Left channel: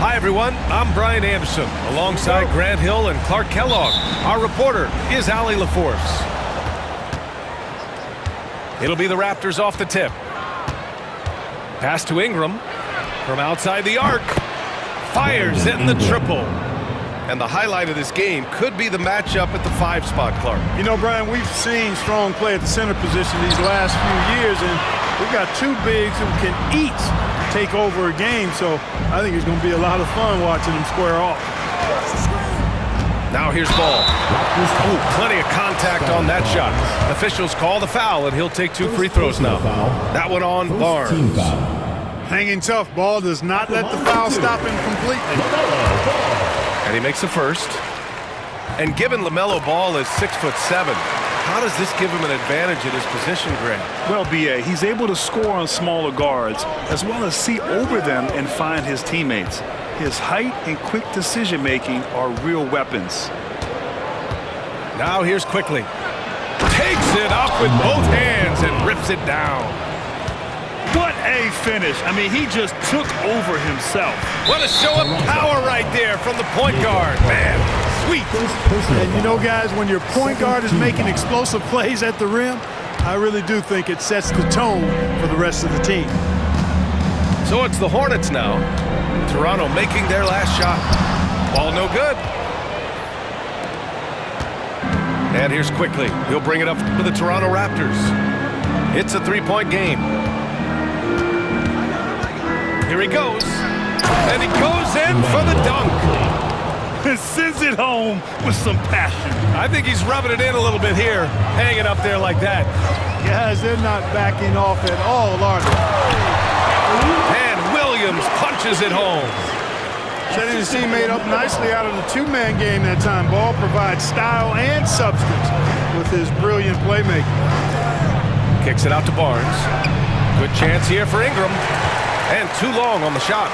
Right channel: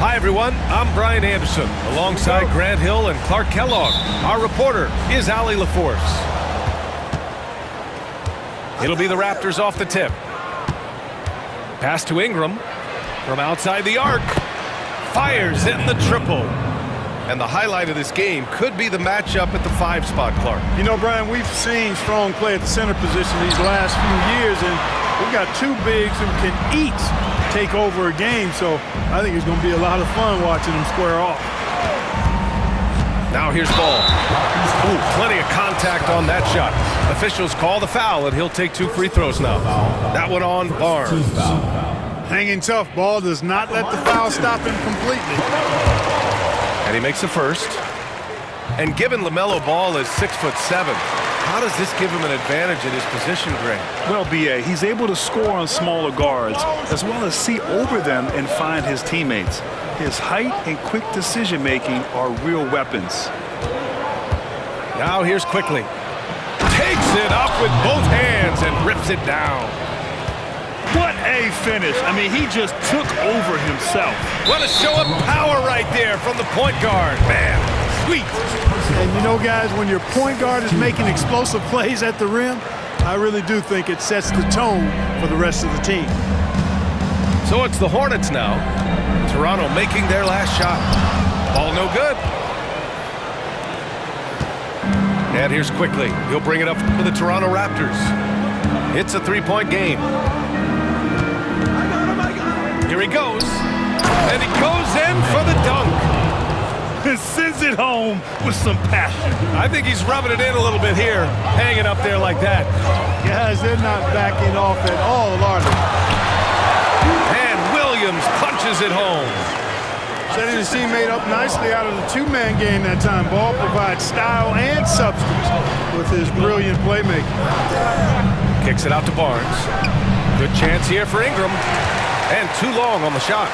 Hi, everyone. I'm Brian Anderson, alongside Grant Hill and Clark Kellogg. Our reporter is Allie LaForce. It'll be the Raptors off the tip. Pass to Ingram from outside the arc. Fires in the triple. And the highlight of this game could be the matchup at the 5 spot, Clark. You know, Brian, we've seen strong play at the center position these last few years, and we've got 2 bigs who can each take over a game, so I think it's going to be a lot of fun watching them square off. Now here's Ball. Ooh, plenty of contact on that shot. Officials call the foul, and he'll take 2 free throws now. That one on Barnes. Hanging tough. Ball does not let the foul stop him completely. And he makes the first. And given LaMelo Ball is 6'7", how does this give him an advantage at his position, Grant? Well, B.A., he's able to score on smaller guards, as well as see over them and find his teammates. His height and quick decision-making are real weapons. Now here's Quickly. Takes it up with both hands and rips it down. What a finish. I mean, he just took over himself. What a show of power right there from the point guard. Man, sweet. And you know, guys, when your point guard is making explosive plays at the rim, I really do think it sets the tone for the rest of the team. So it's the Hornets now. Toronto making their last shot. Ball no good. And here's Quickly. He'll bring it up to the Toronto Raptors. It's a 3-point game. Here he goes. And he goes in for the dunk. Sends it home with some passion. I think he's rubbing it in a little bit here, hanging up there like that. Guys, they're not backing off at all, are they? And Williams punches it home. Setting his teammate up nicely out of the 2-man game that time. Ball provides style and substance with his brilliant playmaking. Kicks it out to Barnes. Good chance here for Ingram. And too long on the shot.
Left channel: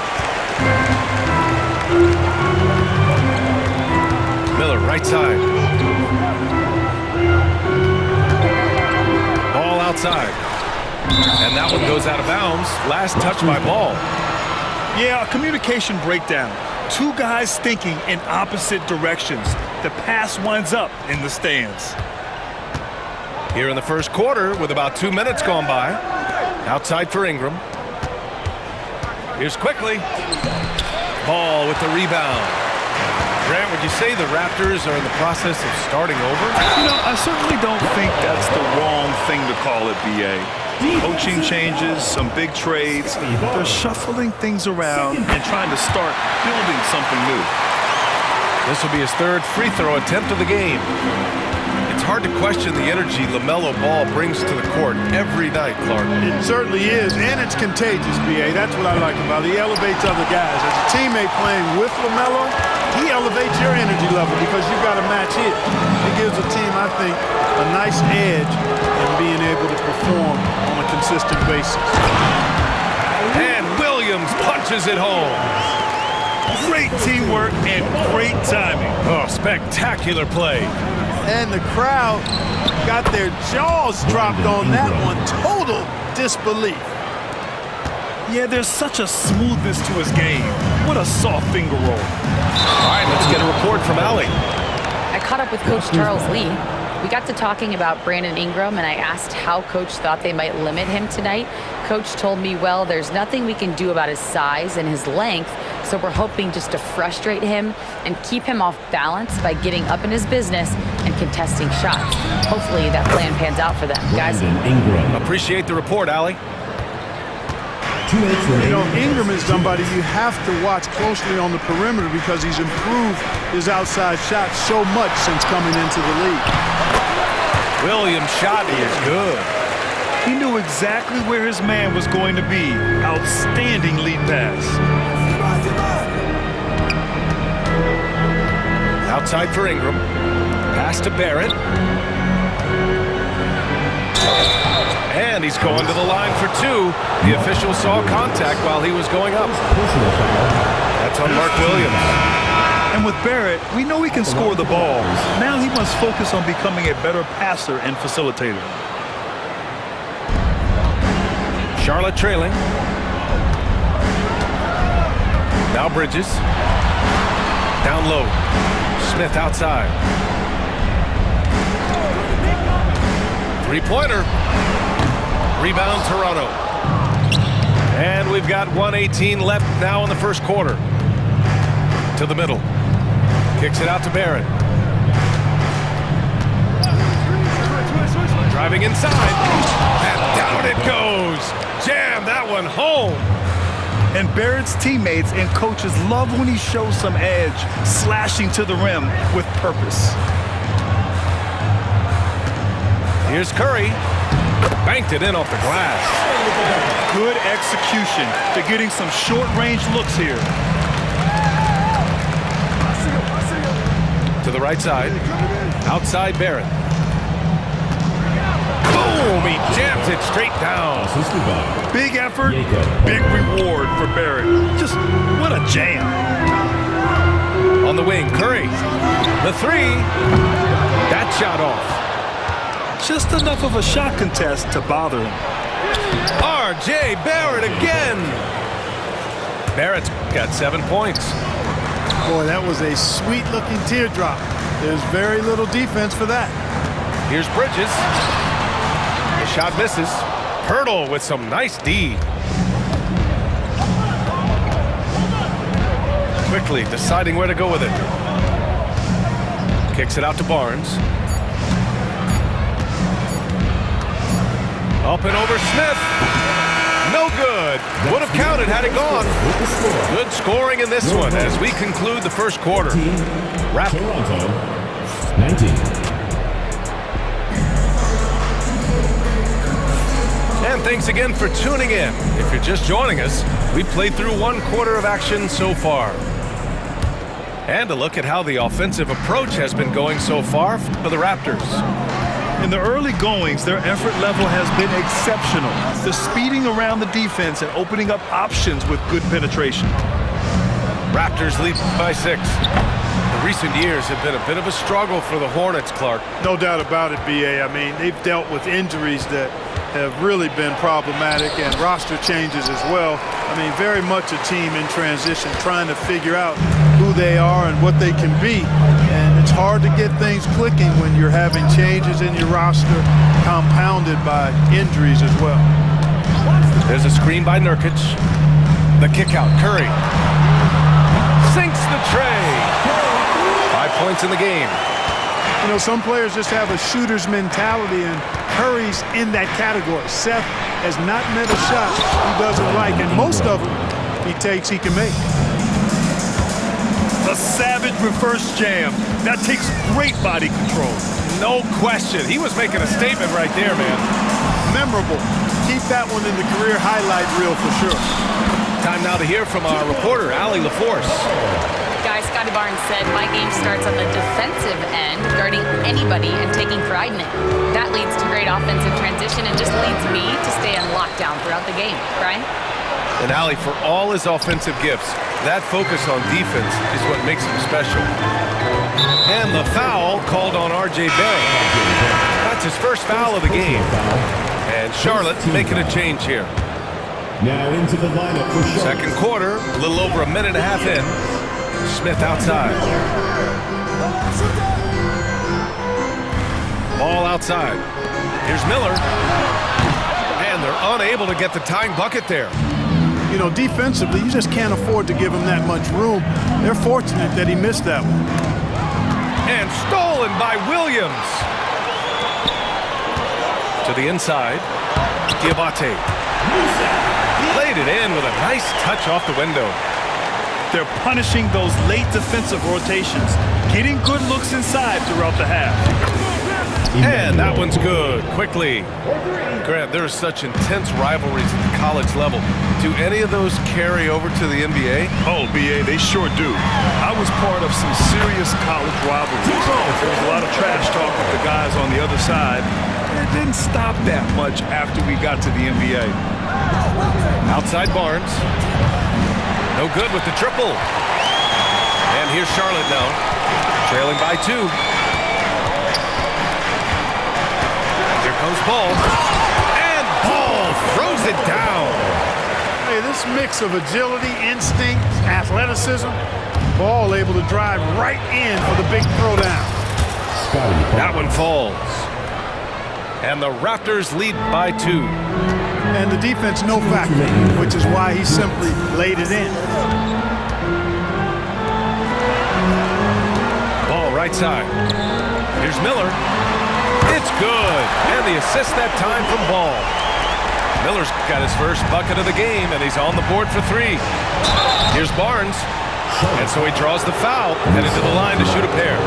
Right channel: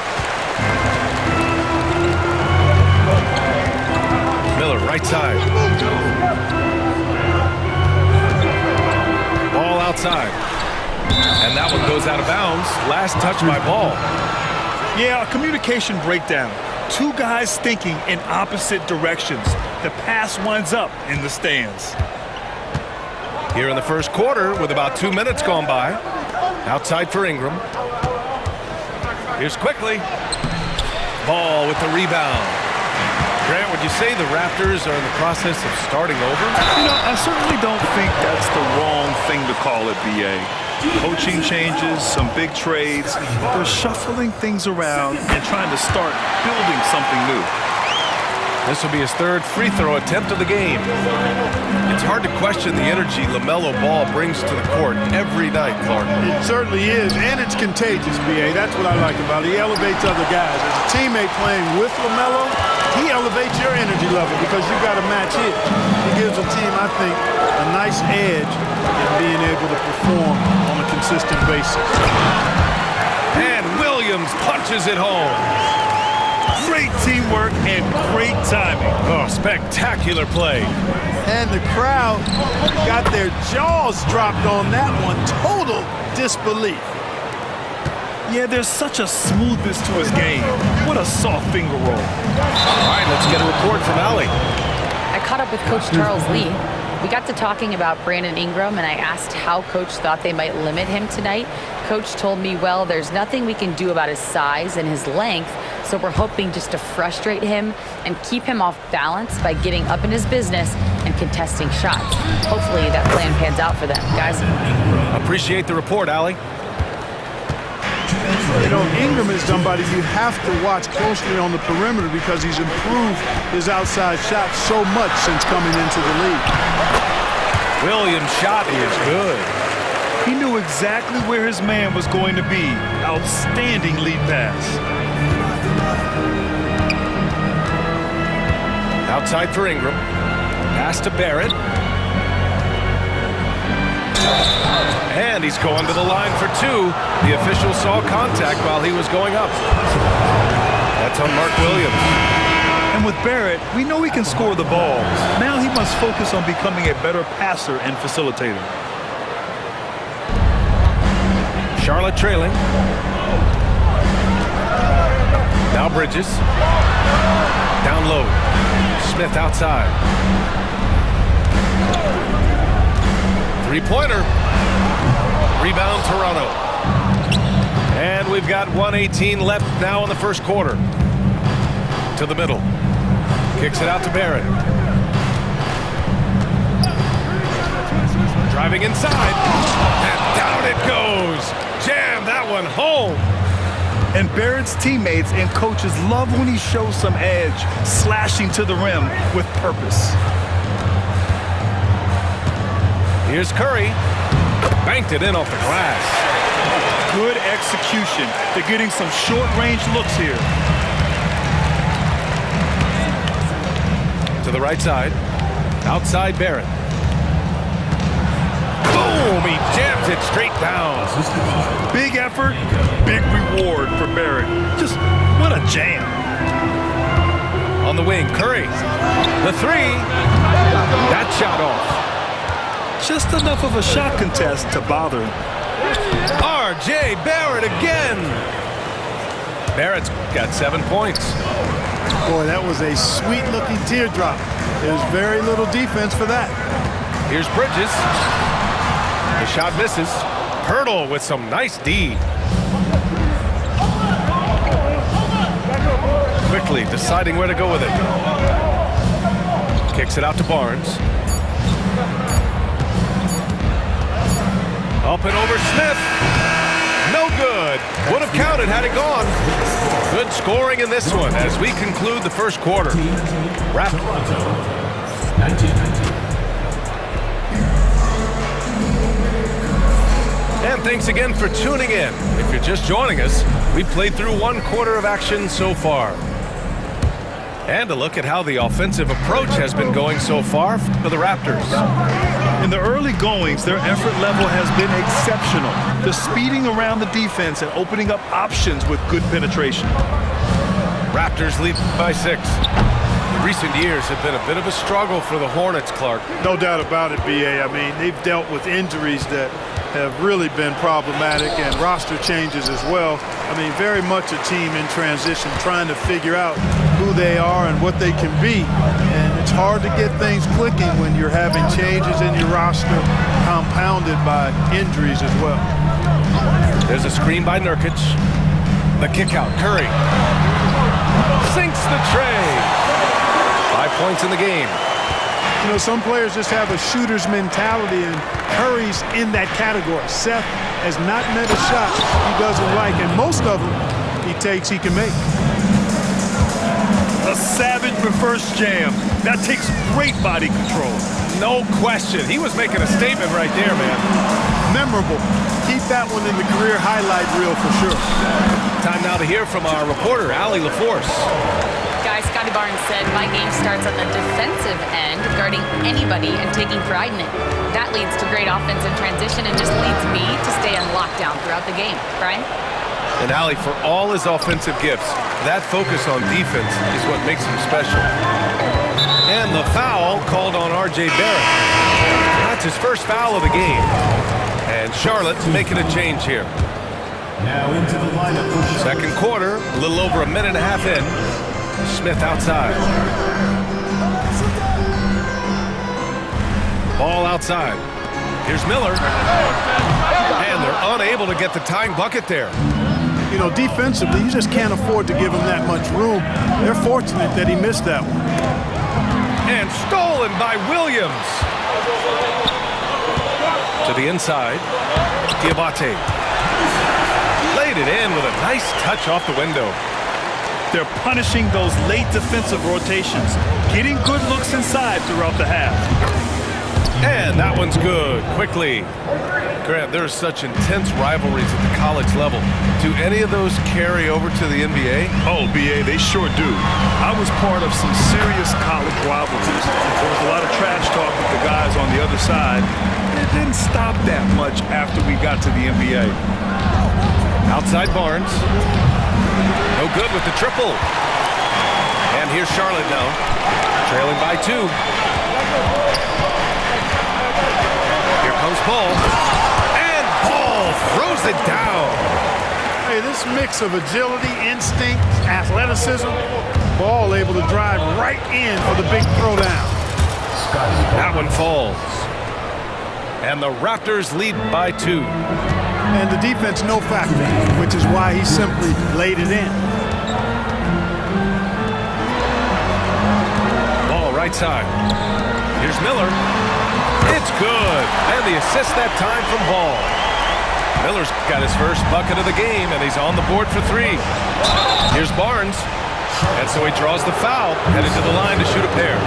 Miller, right side. Ball outside. And that one goes out of bounds. Last touch by Ball. Yeah, a communication breakdown. 2 guys thinking in opposite directions. The pass winds up in the stands. Here in the first quarter with about 2 minutes gone by. Outside for Ingram. Here's Quickly. Ball with the rebound. Grant, would you say the Raptors are in the process of starting over? You know, I certainly don't think that's the wrong thing to call it, B.A. Coaching changes, some big trades. They're shuffling things around and trying to start building something new. This will be his 3rd free throw attempt of the game. It's hard to question the energy LaMelo Ball brings to the court every night, Clark. It certainly is, and it's contagious, B.A. That's what I like about it. He elevates other guys. As a teammate playing with LaMelo, he elevates your energy level because you've got to match his. He gives a team, I think, a nice edge in being able to perform on a consistent basis. And Williams punches it home. Great teamwork and great timing. Oh, spectacular play. And the crowd got their jaws dropped on that one. Total disbelief. Yeah, there's such a smoothness to his game. What a soft finger roll. All right, let's get a report from Allie. I caught up with Coach Charles Lee. We got to talking about Brandon Ingram, and I asked how Coach thought they might limit him tonight. Coach told me, well, there's nothing we can do about his size and his length, so we're hoping just to frustrate him and keep him off balance by getting up in his business and contesting shots. Hopefully that plan pans out for them, guys. Appreciate the report, Allie. You know, Ingram is somebody you have to watch closely on the perimeter because he's improved his outside shot so much since coming into the league. Williams' shot is good. He knew exactly where his man was going to be. Outstanding lead pass. Outside for Ingram. Pass to Barrett. And he's going to the line for 2. The official saw contact while he was going up. That's on Mark Williams. And with Barrett, we know he can score the ball. Now he must focus on becoming a better passer and facilitator. Charlotte trailing. Now Bridges. Down low. Smith outside. Three-pointer. Rebound Toronto. And we've got 1:18 left now in the first quarter. To the middle. Kicks it out to Barrett. Driving inside. And down it goes. Jam that one home. And Barrett's teammates and coaches love when he shows some edge, slashing to the rim with purpose. Here's Curry. Banked it in off the glass. Good execution. They're getting some short-range looks here. To the right side. Outside Barrett. Boom! He jams it straight down. Big effort, big reward for Barrett. Just what a jam. On the wing, Curry. The three. That shot off. Just enough of a shot contest to bother him. R.J. Barrett again. Barrett's got 7 points. Boy, that was a sweet-looking teardrop. There's very little defense for that. Here's Bridges. The shot misses. Pirtle with some nice D. Quickly deciding where to go with it. Kicks it out to Barnes. Up and over Smith. No good. Would have counted had it gone. Good scoring in this one as we conclude the first quarter. Wrap. Toronto, 19. And thanks again for tuning in. If you're just joining us, we've played through 1 quarter of action so far. And a look at how the offensive approach has been going so far for the Raptors. In the early goings, their effort level has been exceptional. They're speeding around the defense and opening up options with good penetration. Raptors lead by 6. The recent years have been a bit of a struggle for the Hornets, Clark. No doubt about it, B.A. I mean, they've dealt with injuries that have really been problematic and roster changes as well. I mean, very much a team in transition, trying to figure out who they are and what they can be. And it's hard to get things clicking when you're having changes in your roster compounded by injuries as well. There's a screen by Nurkic. The kick out, Curry. Sinks the tray. 5 points in the game. You know, some players just have a shooter's mentality, and Curry's in that category. Seth has not met a shot he doesn't like, and most of them he takes he can make. A savage reverse jam. That takes great body control. No question. He was making a statement right there, man. Memorable. Keep that one in the career highlight reel for sure. Time now to hear from our reporter, Allie LaForce. Guys, Scotty Barnes said, my game starts on the defensive end, guarding anybody and taking pride in it. That leads to great offensive transition and just leads me to stay on lockdown throughout the game. Brian? And Allie, for all his offensive gifts, that focus on defense is what makes him special. And the foul called on R.J. Barrett. That's his first foul of the game. And Charlotte making a change here. Now into the lineup for Charlotte. Second quarter, a little over a minute and a half in. Smith outside. Ball outside. Here's Miller. And they're unable to get the tying bucket there. You know, defensively, you just can't afford to give him that much room. They're fortunate that he missed that one. And stolen by Williams. To the inside. Diabate. Laid it in with a nice touch off the window. They're punishing those late defensive rotations, getting good looks inside throughout the half. And that one's good. Quickly. Grant, there are such intense rivalries at the college level. Do any of those carry over to the NBA? Oh, B.A., they sure do. I was part of some serious college rivalries. There was a lot of trash talk with the guys on the other side, and it didn't stop that much after we got to the NBA. Outside Barnes. No good with the triple. And here's Charlotte now, trailing by 2. Here comes Paul. And Paul throws it down. Hey, this mix of agility, instinct, athleticism, Ball able to drive right in for the big throwdown. Scotty That Barnes. one falls. And the Raptors lead by 2. And the defense no factor, which is why he simply laid it in. Ball right side. Here's Miller. It's good. And the assist that time from Ball. Miller's got his first bucket of the game, and he's on the board for 3. Here's Barnes. And so he draws the foul, headed to the line to shoot a pair.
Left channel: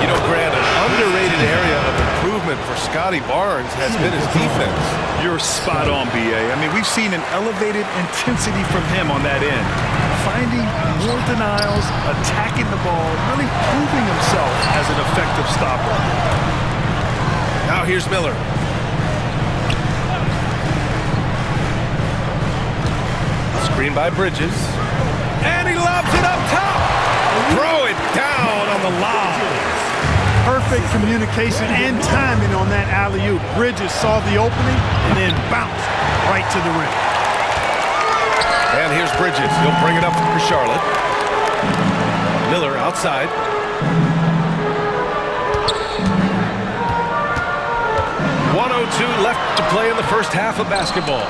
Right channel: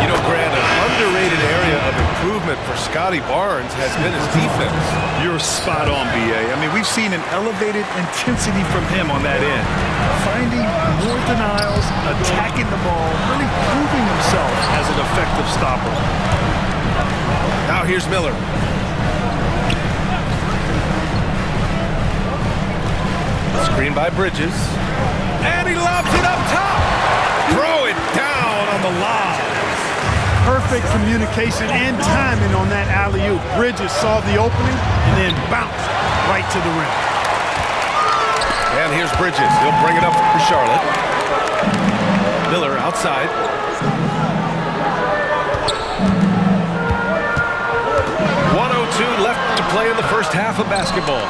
You know, Grant, an underrated area of improvement for Scotty Barnes has been his defense. You're spot on, B.A. I mean, we've seen an elevated intensity from him on that end. Finding more denials, attacking the ball, really proving himself as an effective stopper. Now here's Miller. Screen by Bridges. And he lobs it up top. Throw it down on the lob. Perfect communication and timing on that alley-oop. Bridges saw the opening and then bounced right to the rim. And here's Bridges. He'll bring it up for Charlotte. Miller outside. .102 left to play in the first half of basketball.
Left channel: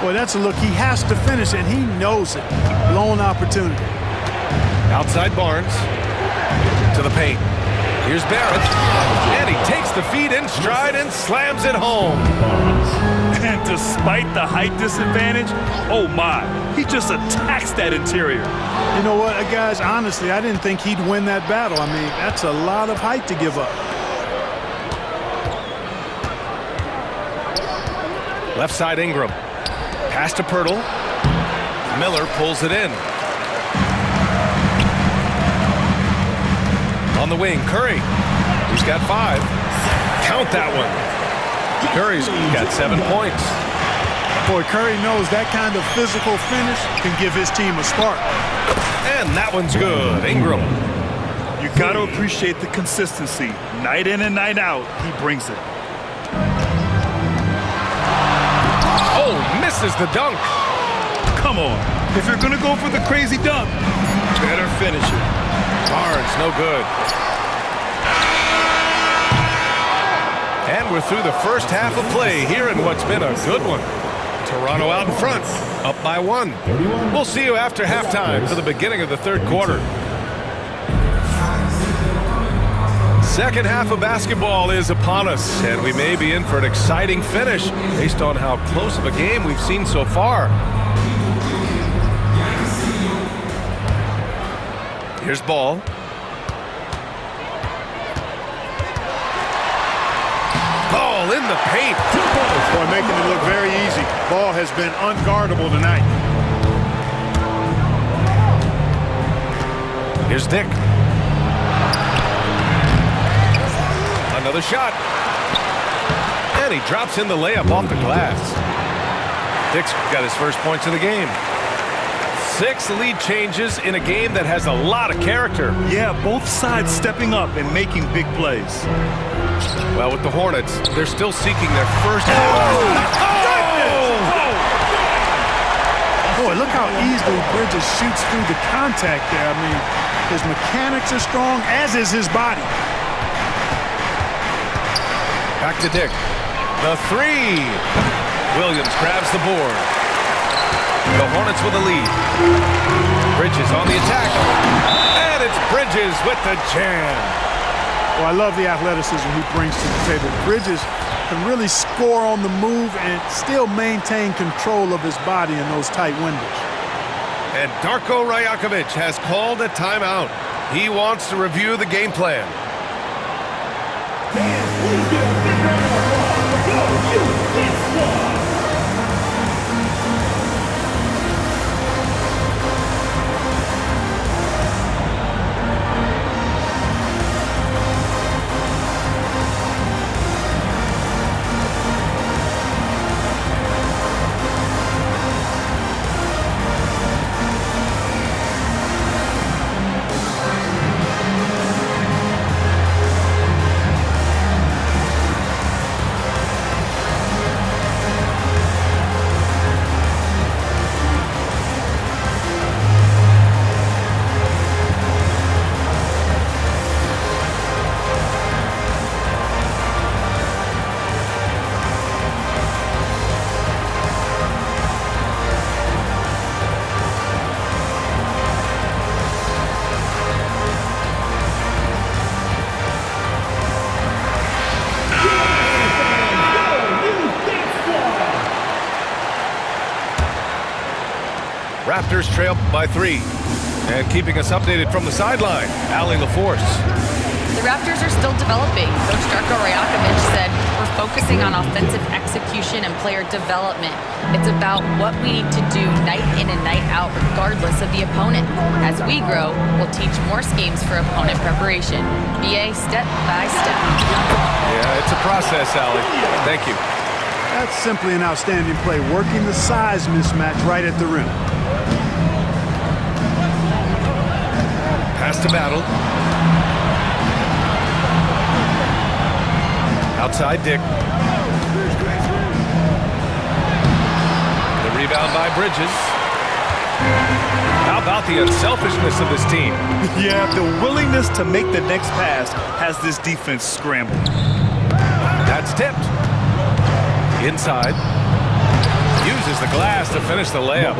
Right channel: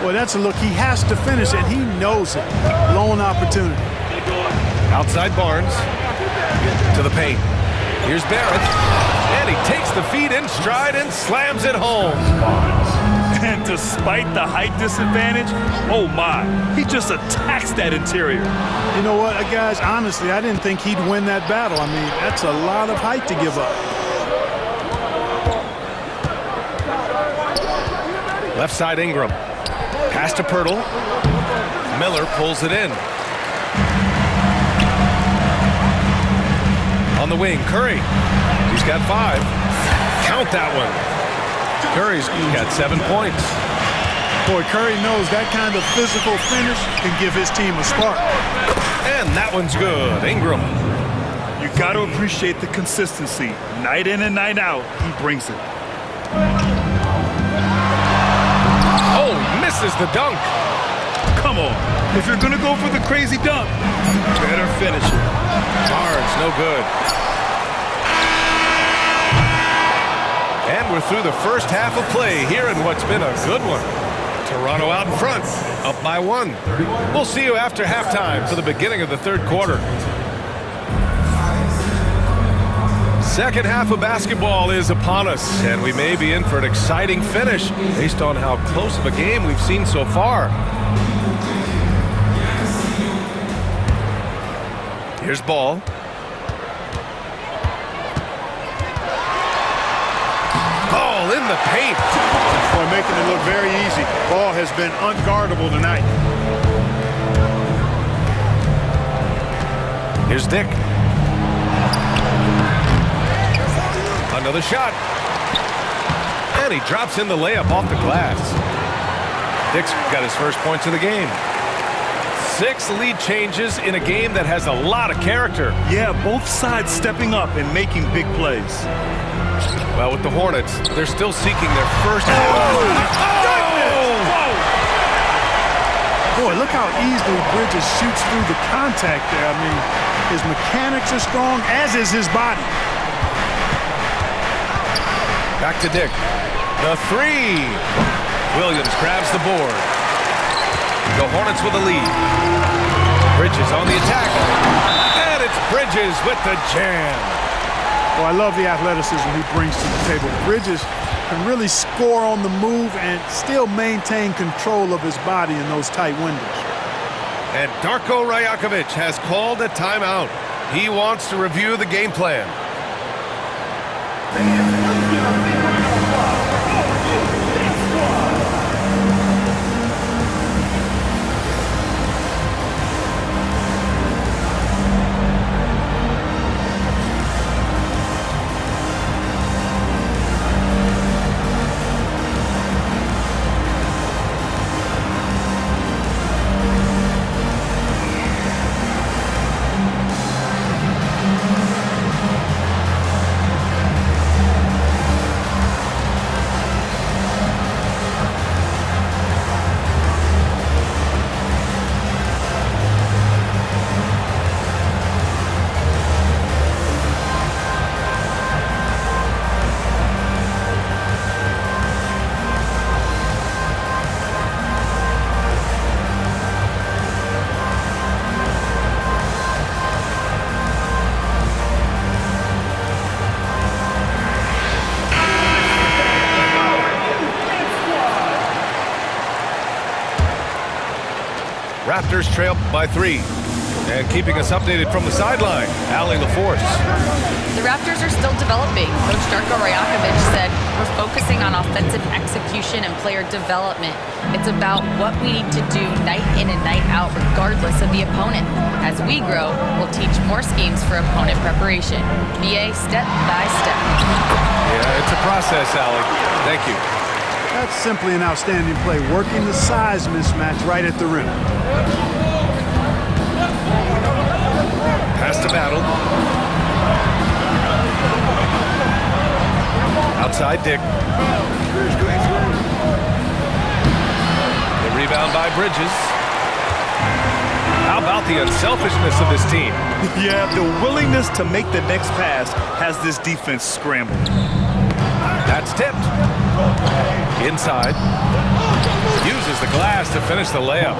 Boy, that's a look he has to finish, and he knows it. Blown opportunity. Outside Barnes. To the paint. Here's Barrett. And he takes the feed in stride and slams it home. And despite the height disadvantage, oh my, he just attacks that interior. You know what, guys, honestly, I didn't think he'd win that battle. I mean, that's a lot of height to give up. Left side Ingram. Pass to Pirtle. Miller pulls it in. On the wing, Curry. He's got 5. Count that one. Curry's got 7 points. Boy, Curry knows that kind of physical finish can give his team a spark. And that one's good. Ingram. You got to appreciate the consistency. Night in and night out, he brings it. Oh, he misses the dunk. Come on. If you're going to go for the crazy dunk, you better finish it. Barnes, no good. And we're through the first half of play here in what's been a good one. Toronto out in front, up by 1. We'll see you after halftime for the beginning of the third quarter. Second half of basketball is upon us, and we may be in for an exciting finish based on how close of a game we've seen so far. Here's Ball. Ball in the paint. Boy, making it look very easy. Ball has been unguardable tonight. Here's Dick. Another shot. And he drops in the layup off the glass. Dick's got his first points of the game. 6 lead changes in a game that has a lot of character. Yeah, both sides stepping up and making big plays. Well, with the Hornets, they're still seeking their first. Boy, look how easily Bridges shoots through the contact there. I mean, his mechanics are strong, as is his body. Back to Dick. The 3. Williams grabs the board. The Hornets with a lead. Bridges on the attack. And it's Bridges with the jam. Well, I love the athleticism he brings to the table. Bridges can really score on the move and still maintain control of his body in those tight windows. And Darko Rajakovic has called a timeout. He wants to review the game plan. Raptors trail by 3. And keeping us updated from the sideline, Allie LaForce. The Raptors are still developing. Coach Darko Rajakovic said, we're focusing on offensive execution and player development. It's about what we need to do night in and night out, regardless of the opponent. As we grow, we'll teach more schemes for opponent preparation. BA, step by step. Yeah, it's a process, Allie. Thank you. That's simply an outstanding play, working the size mismatch right at the rim. Pass to Battle. Outside Dick. The rebound by Bridges. How about the unselfishness of this team? Yeah, the willingness to make the next pass has this defense scrambled. That's tipped. Inside. Uses the glass to finish the layup.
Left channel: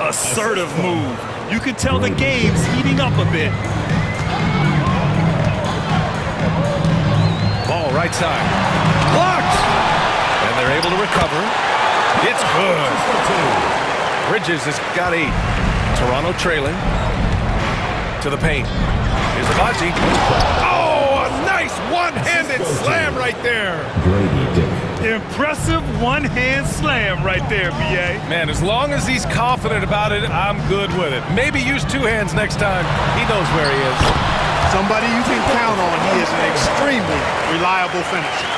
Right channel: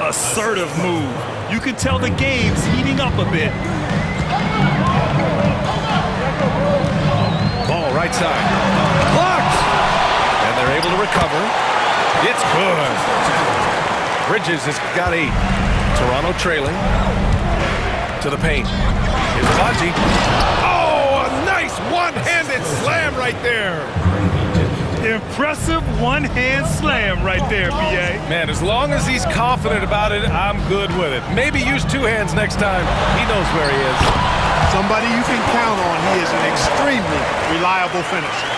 Assertive move. You can tell the game's heating up a bit. Ball right side. Blocked! And they're able to recover. It's good. Bridges has got 8. Toronto trailing. To the paint. Here's Baji. Oh, a nice one-handed slam right there. Impressive one-hand slam right there, B.A. Man, as long as he's confident about it, I'm good with it. Maybe use 2 hands next time. He knows where he is. Somebody you can count on. He is an extremely reliable finisher.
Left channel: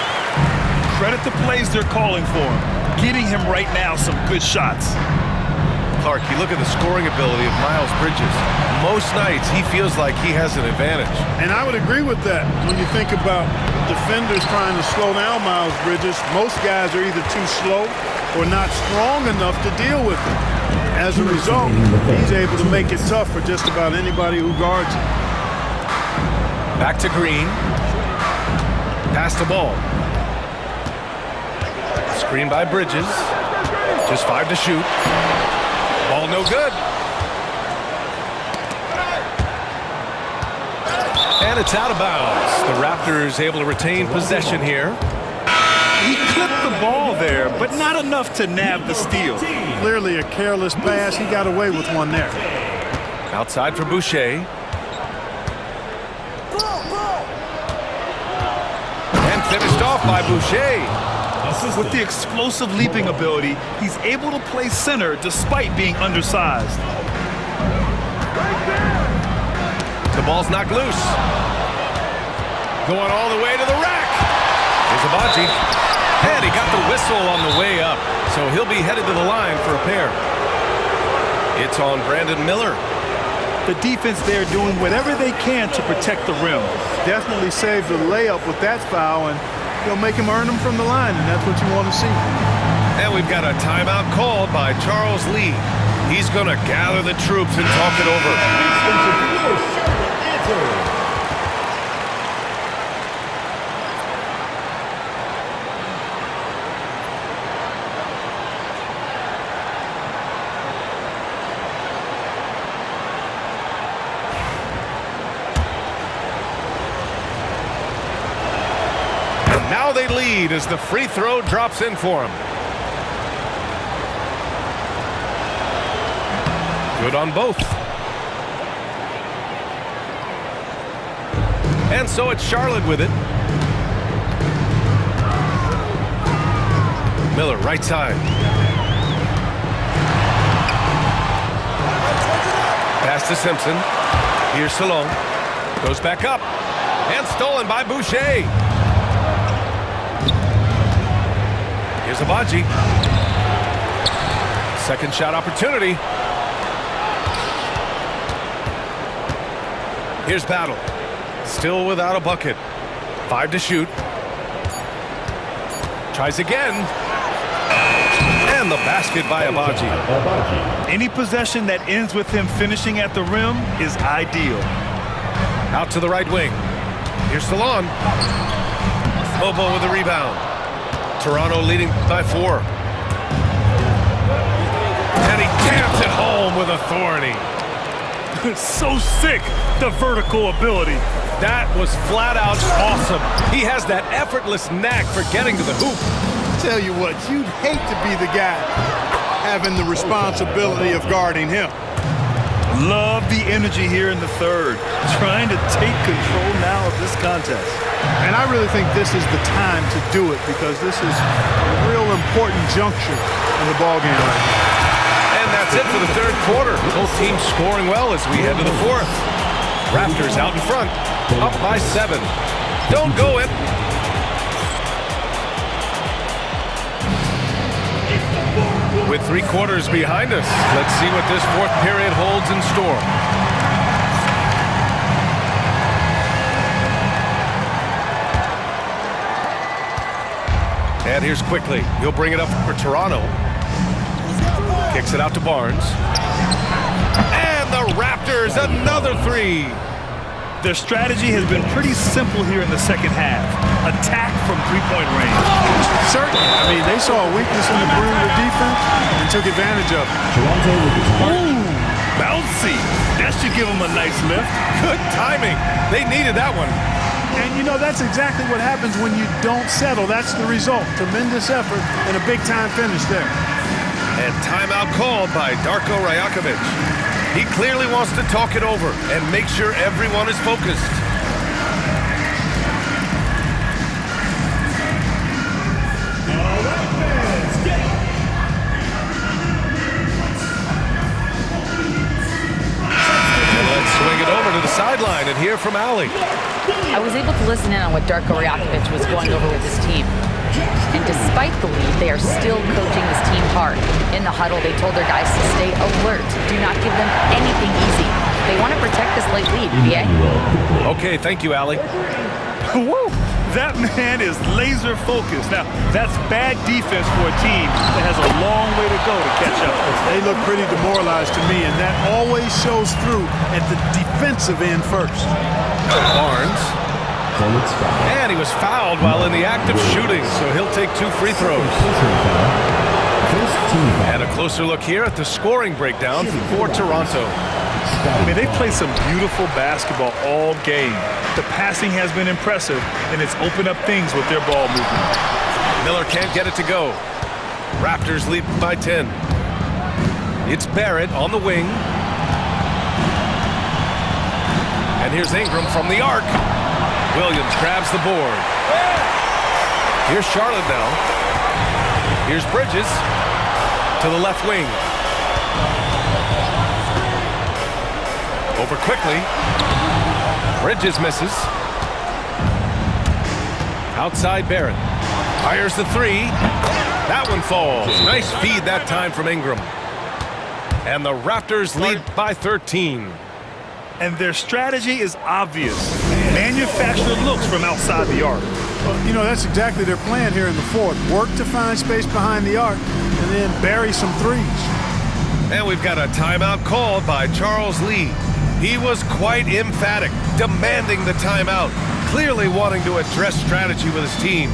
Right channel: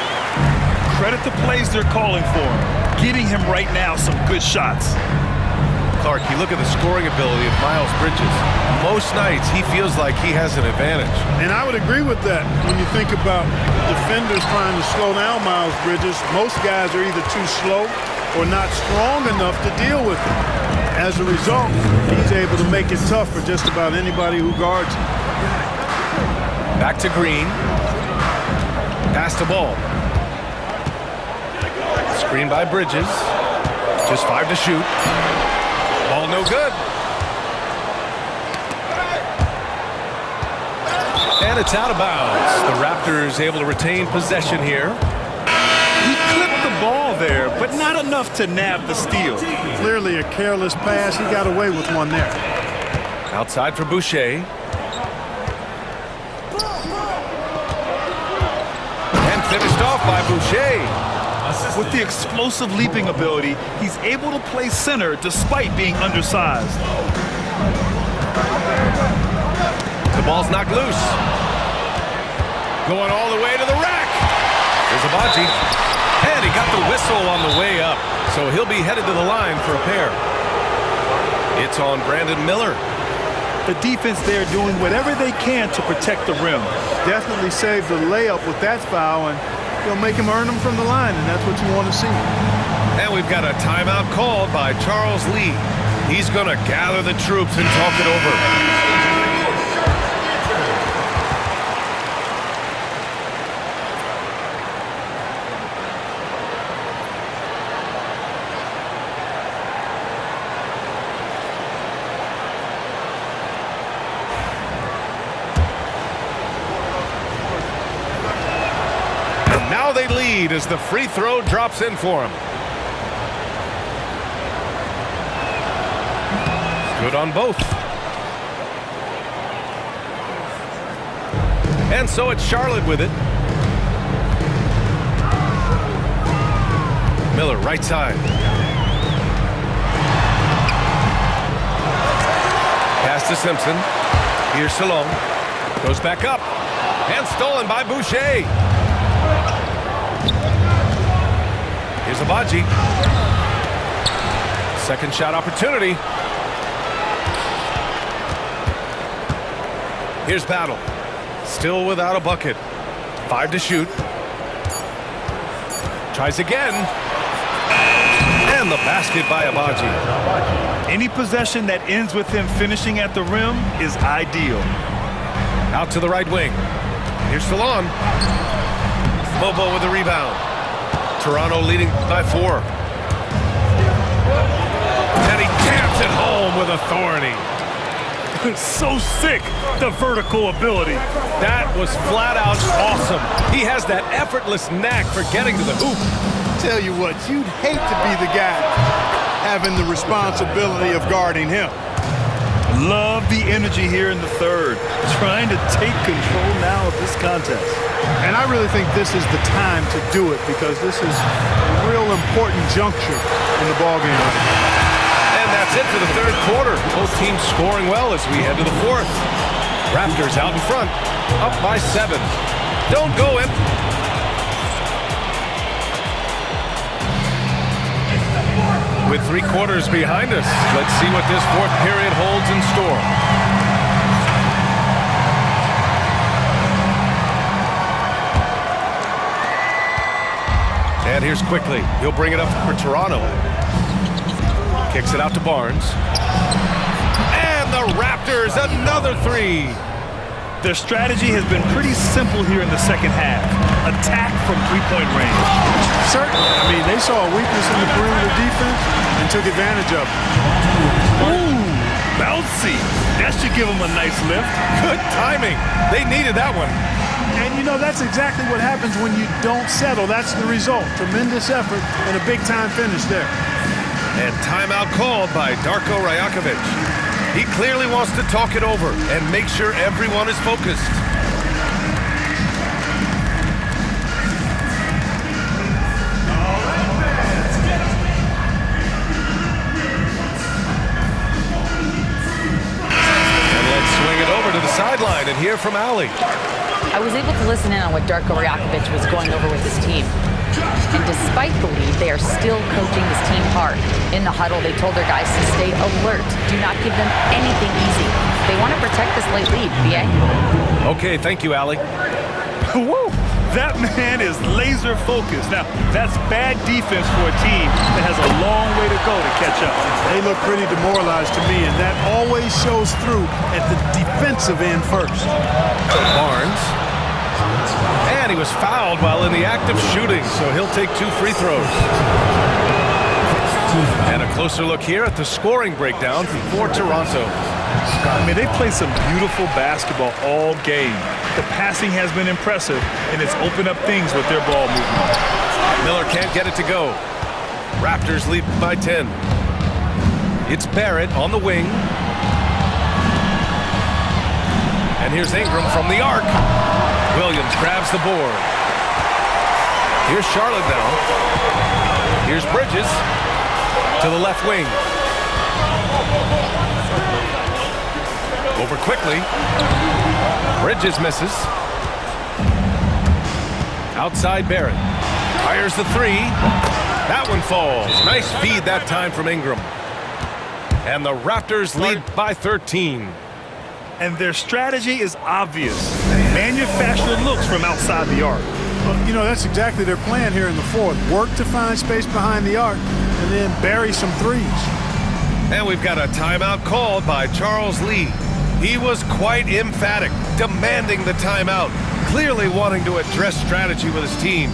Credit the plays they're calling for him. Getting him right now some good shots. Clark, you look at the scoring ability of Miles Bridges. Most nights, he feels like he has an advantage. And I would agree with that. When you think about defenders trying to slow down Miles Bridges, most guys are either too slow or not strong enough to deal with him. As a result, he's able to make it tough for just about anybody who guards him. Back to Green. Pass the ball. Screen by Bridges. Just 5 to shoot. Ball no good. And it's out of bounds. The Raptors able to retain possession here. He clipped the ball there, but not enough to nab the steal. Clearly a careless pass. He got away with one there. Outside for Boucher. And finished off by Boucher. With the explosive leaping ability, he's able to play center despite being undersized. The ball's knocked loose. Going all the way to the rack. Here's Abaji. And he got the whistle on the way up. So he'll be headed to the line for a pair. It's on Brandon Miller. The defense there doing whatever they can to protect the rim. Definitely saved the layup with that foul, and he'll make him earn them from the line, and that's what you want to see. And we've got a timeout called by Charles Lee. He's going to gather the troops and talk it over. Now they lead as the free throw drops in for him. Good on both. And so it's Charlotte with it. Miller, right side. Pass to Simpson. Here's Salone. Goes back up. And stolen by Boucher. Here's Abaji. Second shot opportunity. Here's Battle. Still without a bucket. 5 to shoot. Tries again. And the basket by Abaji. Any possession that ends with him finishing at the rim is ideal. Out to the right wing. Here's Salon. Bobo with the rebound. Toronto leading by 4. And he taps it home with authority. So sick, the vertical ability. That was flat out awesome. He has that effortless knack for getting to the hoop. Tell you what, you'd hate to be the guy having the responsibility of guarding him. Love the energy here in the third, trying to take control now of this contest. And I really think this is the time to do it because this is a real important juncture in the ballgame right now. And that's it for the third quarter. Both teams scoring well as we head to the fourth. Raptors out in front, up by 7. Don't go it. With 3 quarters behind us, let's see what this fourth period holds in store. And here's Quickly. He'll bring it up for Toronto. Kicks it out to Barnes. And the Raptors, another 3. Their strategy has been pretty simple here in the second half. Attack from three-point range. Certainly. I mean, they saw a weakness in the perimeter defense and took advantage of it. Ooh, bouncy. That should give them a nice lift. Good timing. They needed that one. And, you know, that's exactly what happens when you don't settle. That's the result. Tremendous effort and a big-time finish there. And timeout called by Darko Rajakovic. He clearly wants to talk it over and make sure everyone is focused. And let's swing it over to the sideline and hear from Allie. I was able to listen in on what Darko Rajakovic was going over with his team. And despite the lead, they are still coaching this team hard. In the huddle, they told their guys to stay alert. Do not give them anything easy. They want to protect this late lead, BA. Okay, thank you, Allie. Woo! That man is laser focused. Now, that's bad defense for a team that has a long way to go to catch up. They look pretty demoralized to me, and that always shows through at the defensive end first. Barnes. And he was fouled while in the act of shooting, so he'll take 2 free throws. And a closer look here at the scoring breakdown for Toronto. I mean, they play some beautiful basketball all game. The passing has been impressive, and it's opened up things with their ball movement. Miller can't get it to go. Raptors lead by 10. It's Barrett on the wing. And here's Ingram from the arc. Williams grabs the board. Here's Charlotte now. Here's Bridges to the left wing. Over Quickly. Bridges misses. Outside Barrett. Fires the 3. That one falls. Nice feed that time from Ingram. And the Raptors lead by 13. And their strategy is obvious. Manufacture looks from outside the arc. Well, you know, that's exactly their plan here in the fourth. Work to find space behind the arc and then bury some threes. And we've got a timeout called by Charles Lee. He was quite emphatic, demanding the timeout, clearly wanting to address strategy with his team.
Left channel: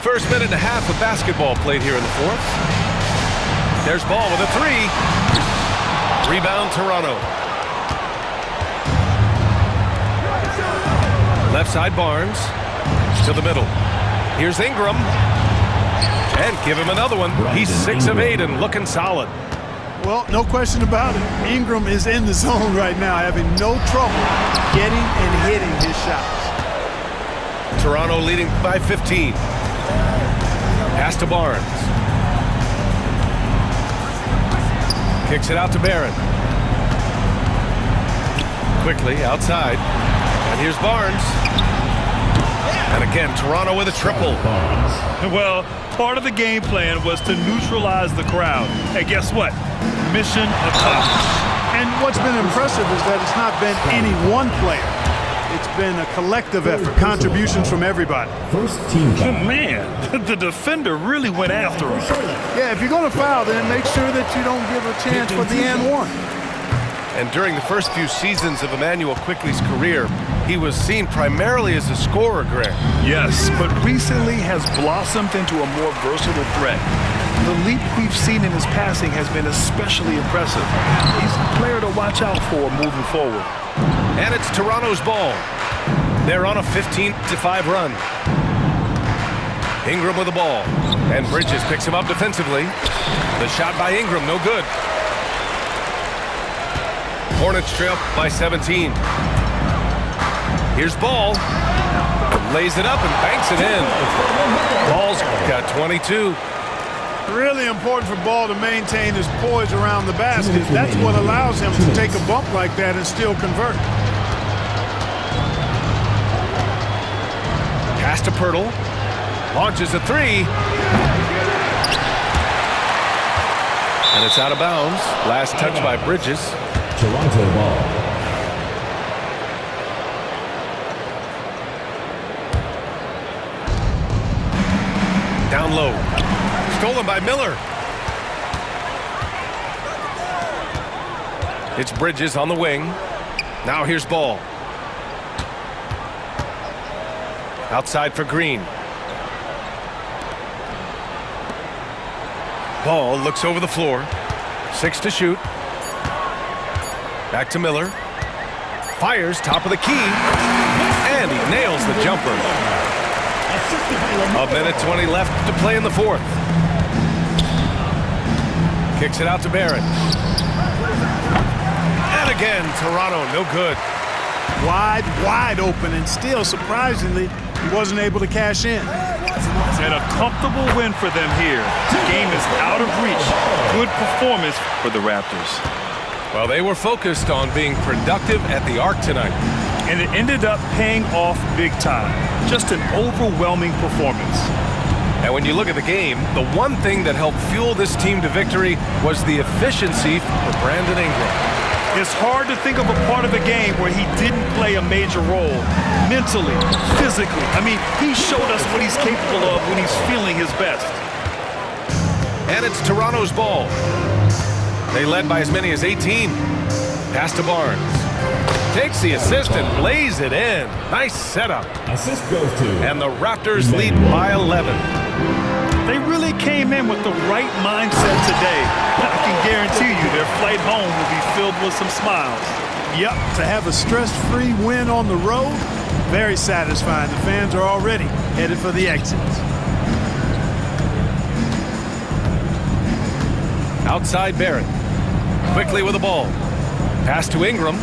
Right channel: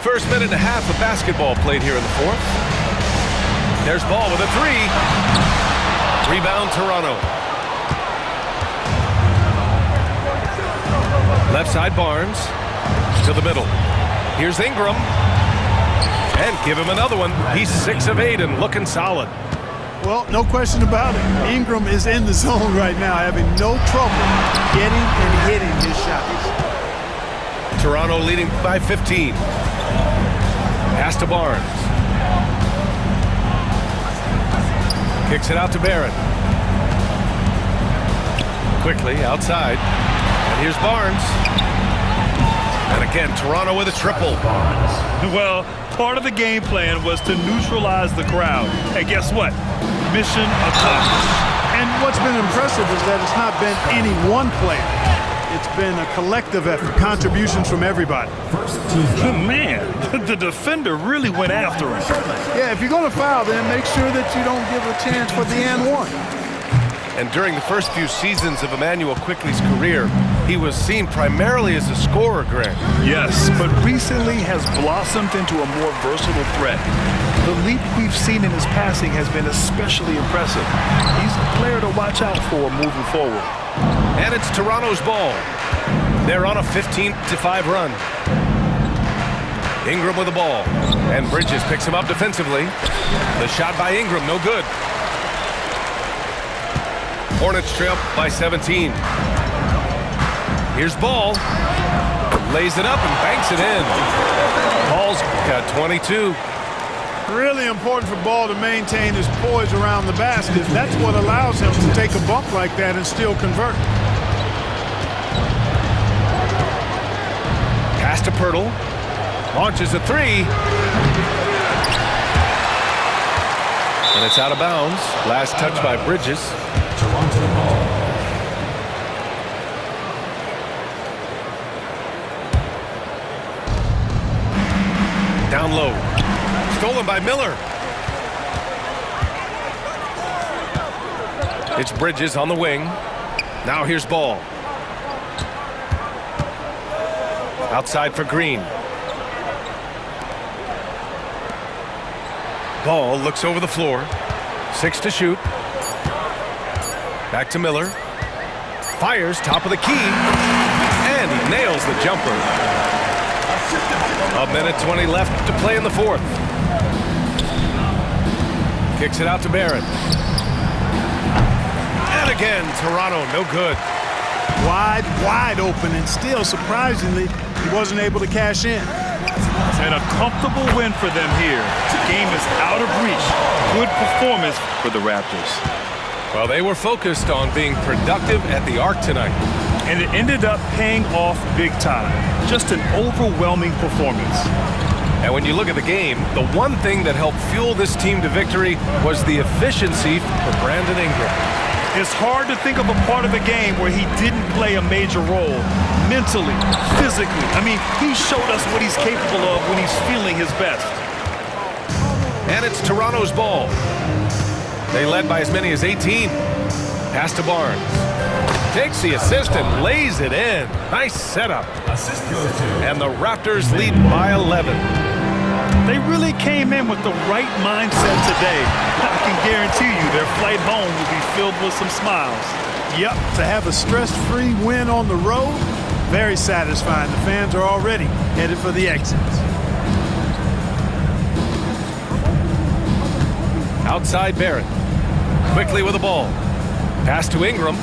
First minute and a half of basketball played here in the fourth. There's Ball with a 3. Rebound Toronto. Left side Barnes to the middle. Here's Ingram. And give him another one. He's 6 of 8 and looking solid. Well, no question about it. Ingram is in the zone right now, having no trouble getting and hitting his shots. Toronto leading by 15. Pass to Barnes. Kicks it out to Barrett. Quickly outside. And here's Barnes. And again, Toronto with a triple. Well, part of the game plan was to neutralize the crowd. And guess what? Mission accomplished. And what's been impressive is that it's not been any one player. It's been a collective effort, contributions from everybody. First team foul. Man, the defender really went after him. Yeah, if you're going to foul, then make sure that you don't give a chance for the and one. And during the first few seasons of Immanuel Quickley's career, he was seen primarily as a scorer, Greg. Yes, but recently has blossomed into a more versatile threat. The leap we've seen in his passing has been especially impressive. He's a player to watch out for moving forward. And it's Toronto's ball. They're on a 15-5 run. Ingram with the ball. And Bridges picks him up defensively. The shot by Ingram, no good. Hornets trail by 17. Here's Ball. Lays it up and banks it in. Ball's got 22. Really important for Ball to maintain his poise around the basket. That's what allows him to take a bump like that and still convert. Pass to Pirtle. Launches a three. And it's out of bounds. Last touch by Bridges. Toronto ball. Down low. Stolen by Miller. It's Bridges on the wing. Now here's Ball. Outside for Green. Ball looks over the floor. 6 to shoot. Back to Miller. Fires top of the key. And he nails the jumper. A minute 20 left to play in the fourth. Kicks it out to Barrett. And again, Toronto, no good. Wide open, and still, surprisingly, he wasn't able to cash in. And a comfortable win for them here. The game is out of reach. Good performance for the Raptors. Well, they were focused on being productive at the arc tonight. And it ended up paying off big time. Just an overwhelming performance. And when you look at the game, the one thing that helped fuel this team to victory was the efficiency for Brandon Ingram. It's hard to think of a part of the game where he didn't play a major role. Mentally, physically. I mean, he showed us what he's capable of when he's feeling his best. And it's Toronto's ball. They led by as many as 18. Pass to Barnes. Takes the assist and lays it in. Nice setup. Assist goes to. And the Raptors lead by 11. They really came in with the right mindset today. I can guarantee you their flight home will be filled with some smiles. Yep, to have a stress-free win on the road, very satisfying. The fans are already headed for the exits. Outside Barrett. Quickly with the ball. Pass to Ingram.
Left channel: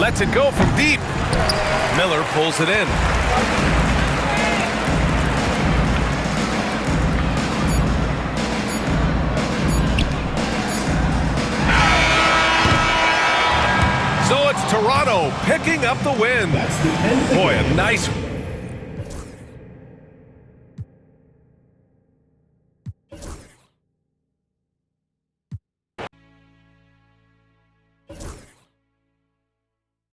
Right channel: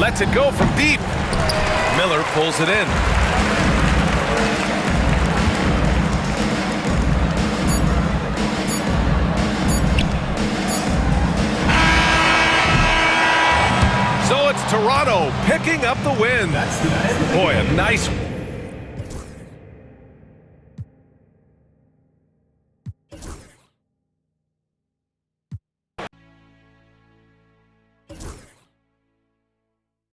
Lets it go from deep. Miller pulls it in. So it's Toronto picking up the win. Boy, a nice